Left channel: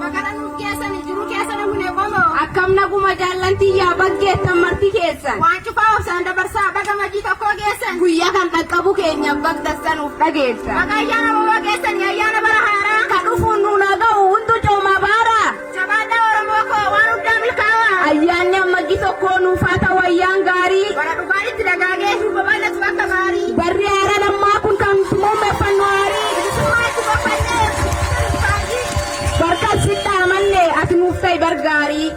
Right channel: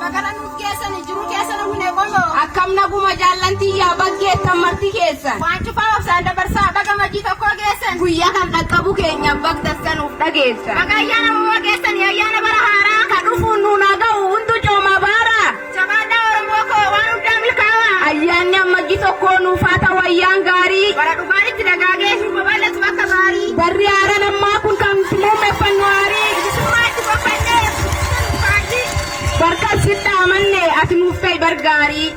Bagala nuuf geessani jiru keessa na hune qomoo. Akkam naguma jaallantii yaa baggeettan marti keessan. Waan cufaa obsaan dabarsaa baga majii tokkoo geessan. Guyyaa kan dhaqqabu keenyan bagdassanuuf dhageessan. Baga ayyaana uumoo geessani ayyaana bara haaraa. Kan dhufuun nuun haga'u hundu coomaa baaraa. Jabaadhaa Oromoo koo waan hundaan milkaa'ima. Ayyaanni ammajji tokkoo nuuf haa ta'u ayyaan gaarii. Bara dhugaanitti dagaagee shuuba bal'atu akka baarii. Barri haara lammaa kun kan filee taphannu haarii. Bilisummaa itti boqqannee. Barkan sitti amanne ati nuuf ta'e bargaarii.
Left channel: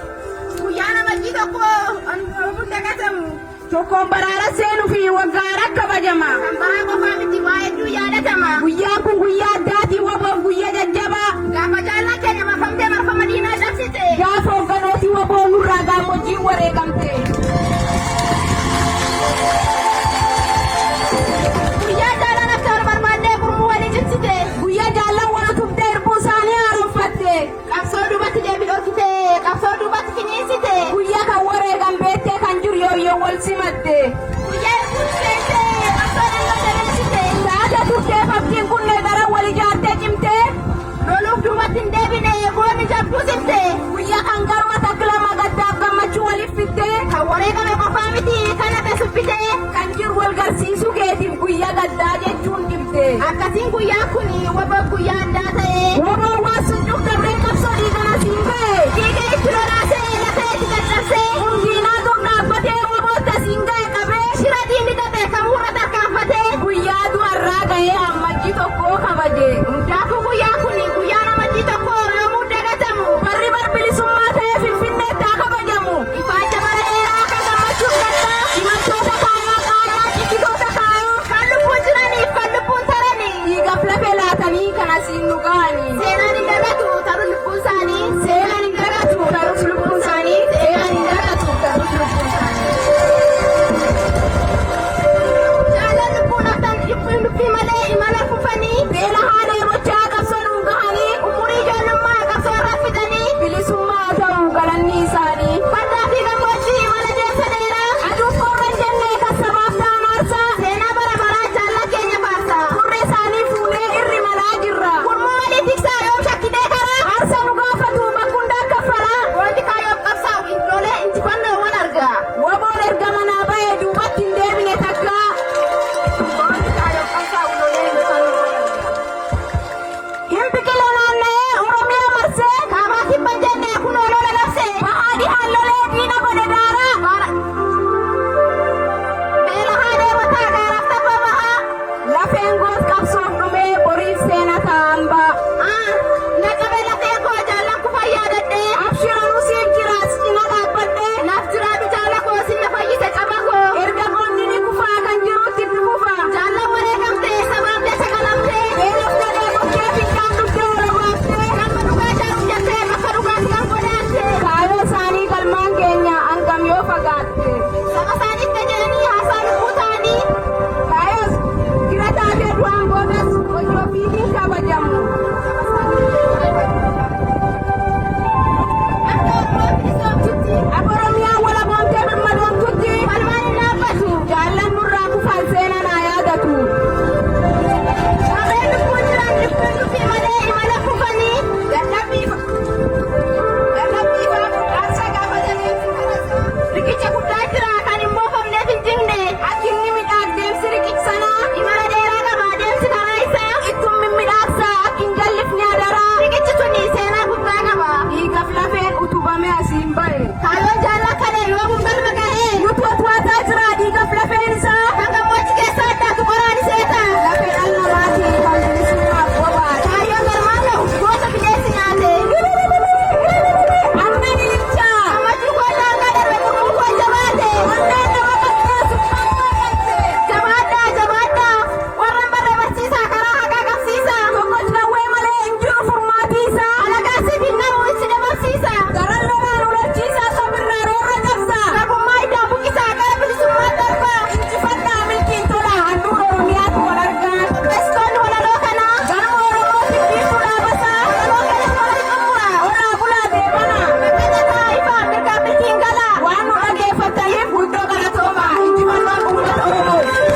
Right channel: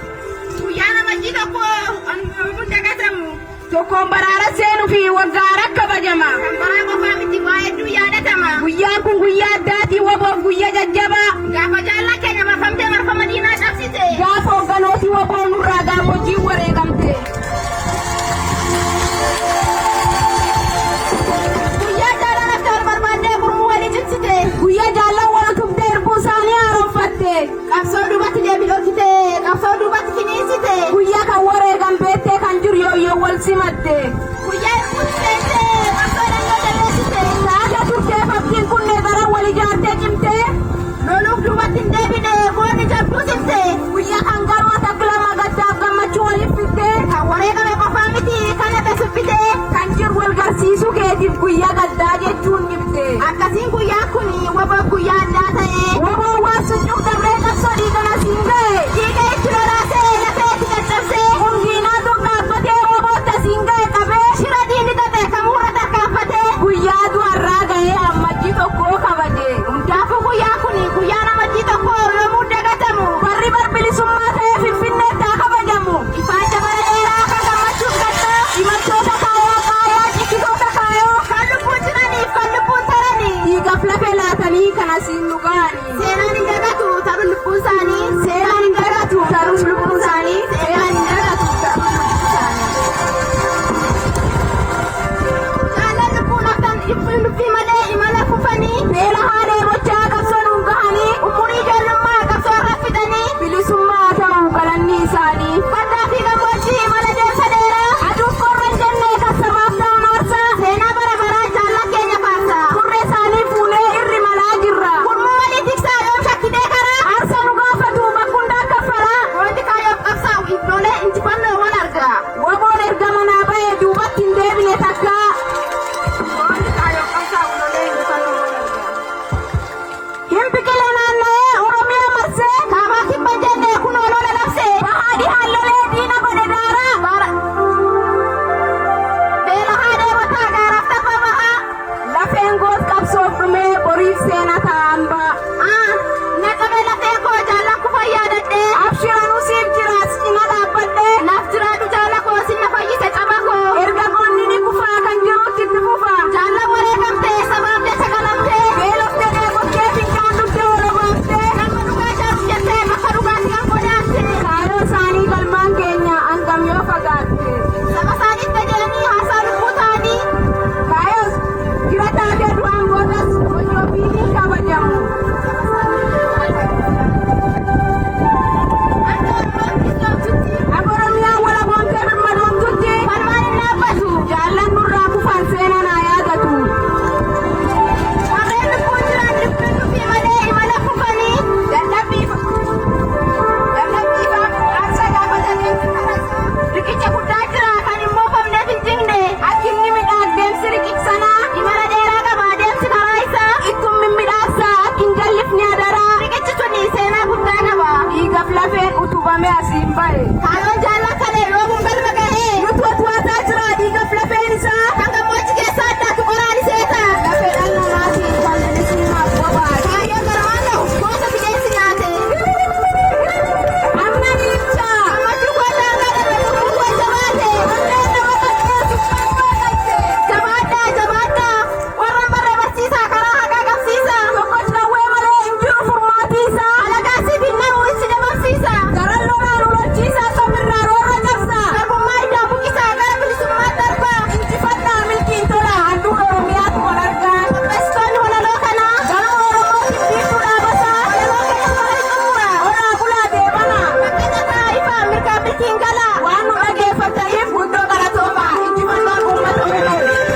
Guyyaana majii tokkoo hin dagatamu. Tokkoon baraara seenuu fi waggaara kabajama. Kan baraa qofaa miti waa hedduu yaadatama. Guyyaan kun guyyaa addaatii waboof guyyaa jajjabaa. Gaafa jaallan keenya marfamtee marfama diinaa cabsite. Gaafa obbolootii waboon nurraa gammoojjiin wareegamte. Guyyaa jaallan akkaan barbaadee gurmuu walii cimsite. Guyyaa jaallan wal tuftee erbuu isaanii haaromfatte. Qabsoo duubatti deebilootite. Qabsoo duubatti finiinsite. Guyyaa kan wareegamteettee kan jiru yoo wal simatte. Guyyaa dhuunfeete. Qabsoo dalloo jabeessite. Taate turtee fakkiin kunnee dara wal ijaartee cimtee. Loluuf duubatti hin deebine. Goonni jabbuu simte. Guyyaa kan garmate bilamma gaddaaf gammachuu waliif fittee. Kan wareegame qofaa miti. Kan adda siffite. Kan jiru wal garsiisuu keetiif guyyaa gaddaa jechuun dhibde. Akkasiin guyyaan kun waboof guyyaa addaa ta'e. Waboon waan sucuuf darbee qabsoo dhiigaa siin ga'e. Dhiiga itti lolaasee lafee itti caccabsee. Hundiinaa dur dhaabbatee waboota siin ga'e qabee. Shira diinni qabe kamuurra tarkaanfatee. Guyyaa du'arraa ga'ee ammajji tokkoo kabaje. Hundaafuu guyyaan kun guyyaa namatti tokko namuu dagatamu. Barri barbilisummaa ta'ee Finfinneetti haa kabajamu. Ifaacha bara dheeraa kan gammachuuf gaddaa. Simachoota kaayoo kaayoo jibbitoota kaayoo. Kan lubbuun jiraniif kan lubbuun taranii. Dhiigaaf lafee laatanii kan asiin nu ga'anii. Seenaan hin dagatu ta'u lubbuun isaanii. Seenaan hin dagatu ta'us lubbuun isaanii. Seenaan hin dagatu ta'us lubbuun isaanii. Jaallan lubbuun haftan lubbii malee imala kufanii. Beela haadee gochaa qabsoo nu ga'anii. Umurii ijoollummaa qabsoo irra fidanii. Bilisummaa ta'uu galanni isaanii. Fardaa fi gammoojjii imala deemsa dheeraa. Aduun qorra hin jennee kan sabaaf ta'u maarsaa. Seenaa bara baraa jaallan keenya faarsa. Turree isaanii fuunee irri malaa jirra. Gurmuu walii tiksaa yoom shakkitee karaa. Aarsa nu gaafatu bakkundaa kaffaraa. Wanti kaayoof qabsaa'u iddoolee injifannoowwan argaa. Waboon erga manaa ba'ee duubatti hin deebine takkaa. Hin biqile naanna'ee Oromiyaa marsee. Kaabaa kibba jennee kun olola labsee. Bahaadhi haallolee diina godhe daaraa. Beela haadee mataa gaaraaf tapha ba'a. Lafeen goos qabsoof dhumee boriif seena ta'an ba'a. Naqabe lafee koo jaallan kufa yaadadhee. Abshiraanuu siif jiraas cina dhaabbadhee. Naaf jiraatu jaala koo sinna fayyise qaba koo. Erga goonni ni kufaa kan jirutti ni kufaa. Jaallan wareegamtee sabaabdee sagalamtee. Beelaftee dheebottee fincaan dhuftee walabaaftee. Kan dhugaa jaatu jettee bakka dhugaatii kan godhaatte. Kaayoo isaanii balmaan keenya hangam yoo fagaatte. Saba isaaniif gajeelanii haasaa lubbuu ta'anii. Kaayoo jira taatee du'aan boodas hojii ofiitiin kabajamu. Akka Oromiyaan walaboomtee gammadoomtutti. Falmaan hin dhaabbatu. Jaallan nurraa kufan seenaa naa yaadatu. Warreen lubbuun jiran lubbii malee imala kufanii. Dadhabbiidhaaf gaafatanii. Riqicha guddaa jira kan immoo famneef hin jirne. Akkinni midhaag deemsi riqichsanaa. Imala dheeraa qaba deemsi karaa isaa. Ittum mimmiidhaagsaa akkin jallifni adaraa. Riqichi suni seenaa guddaa qaba. Dhiigaaf lafee utubame asiin bahe. Kaayoon jaalala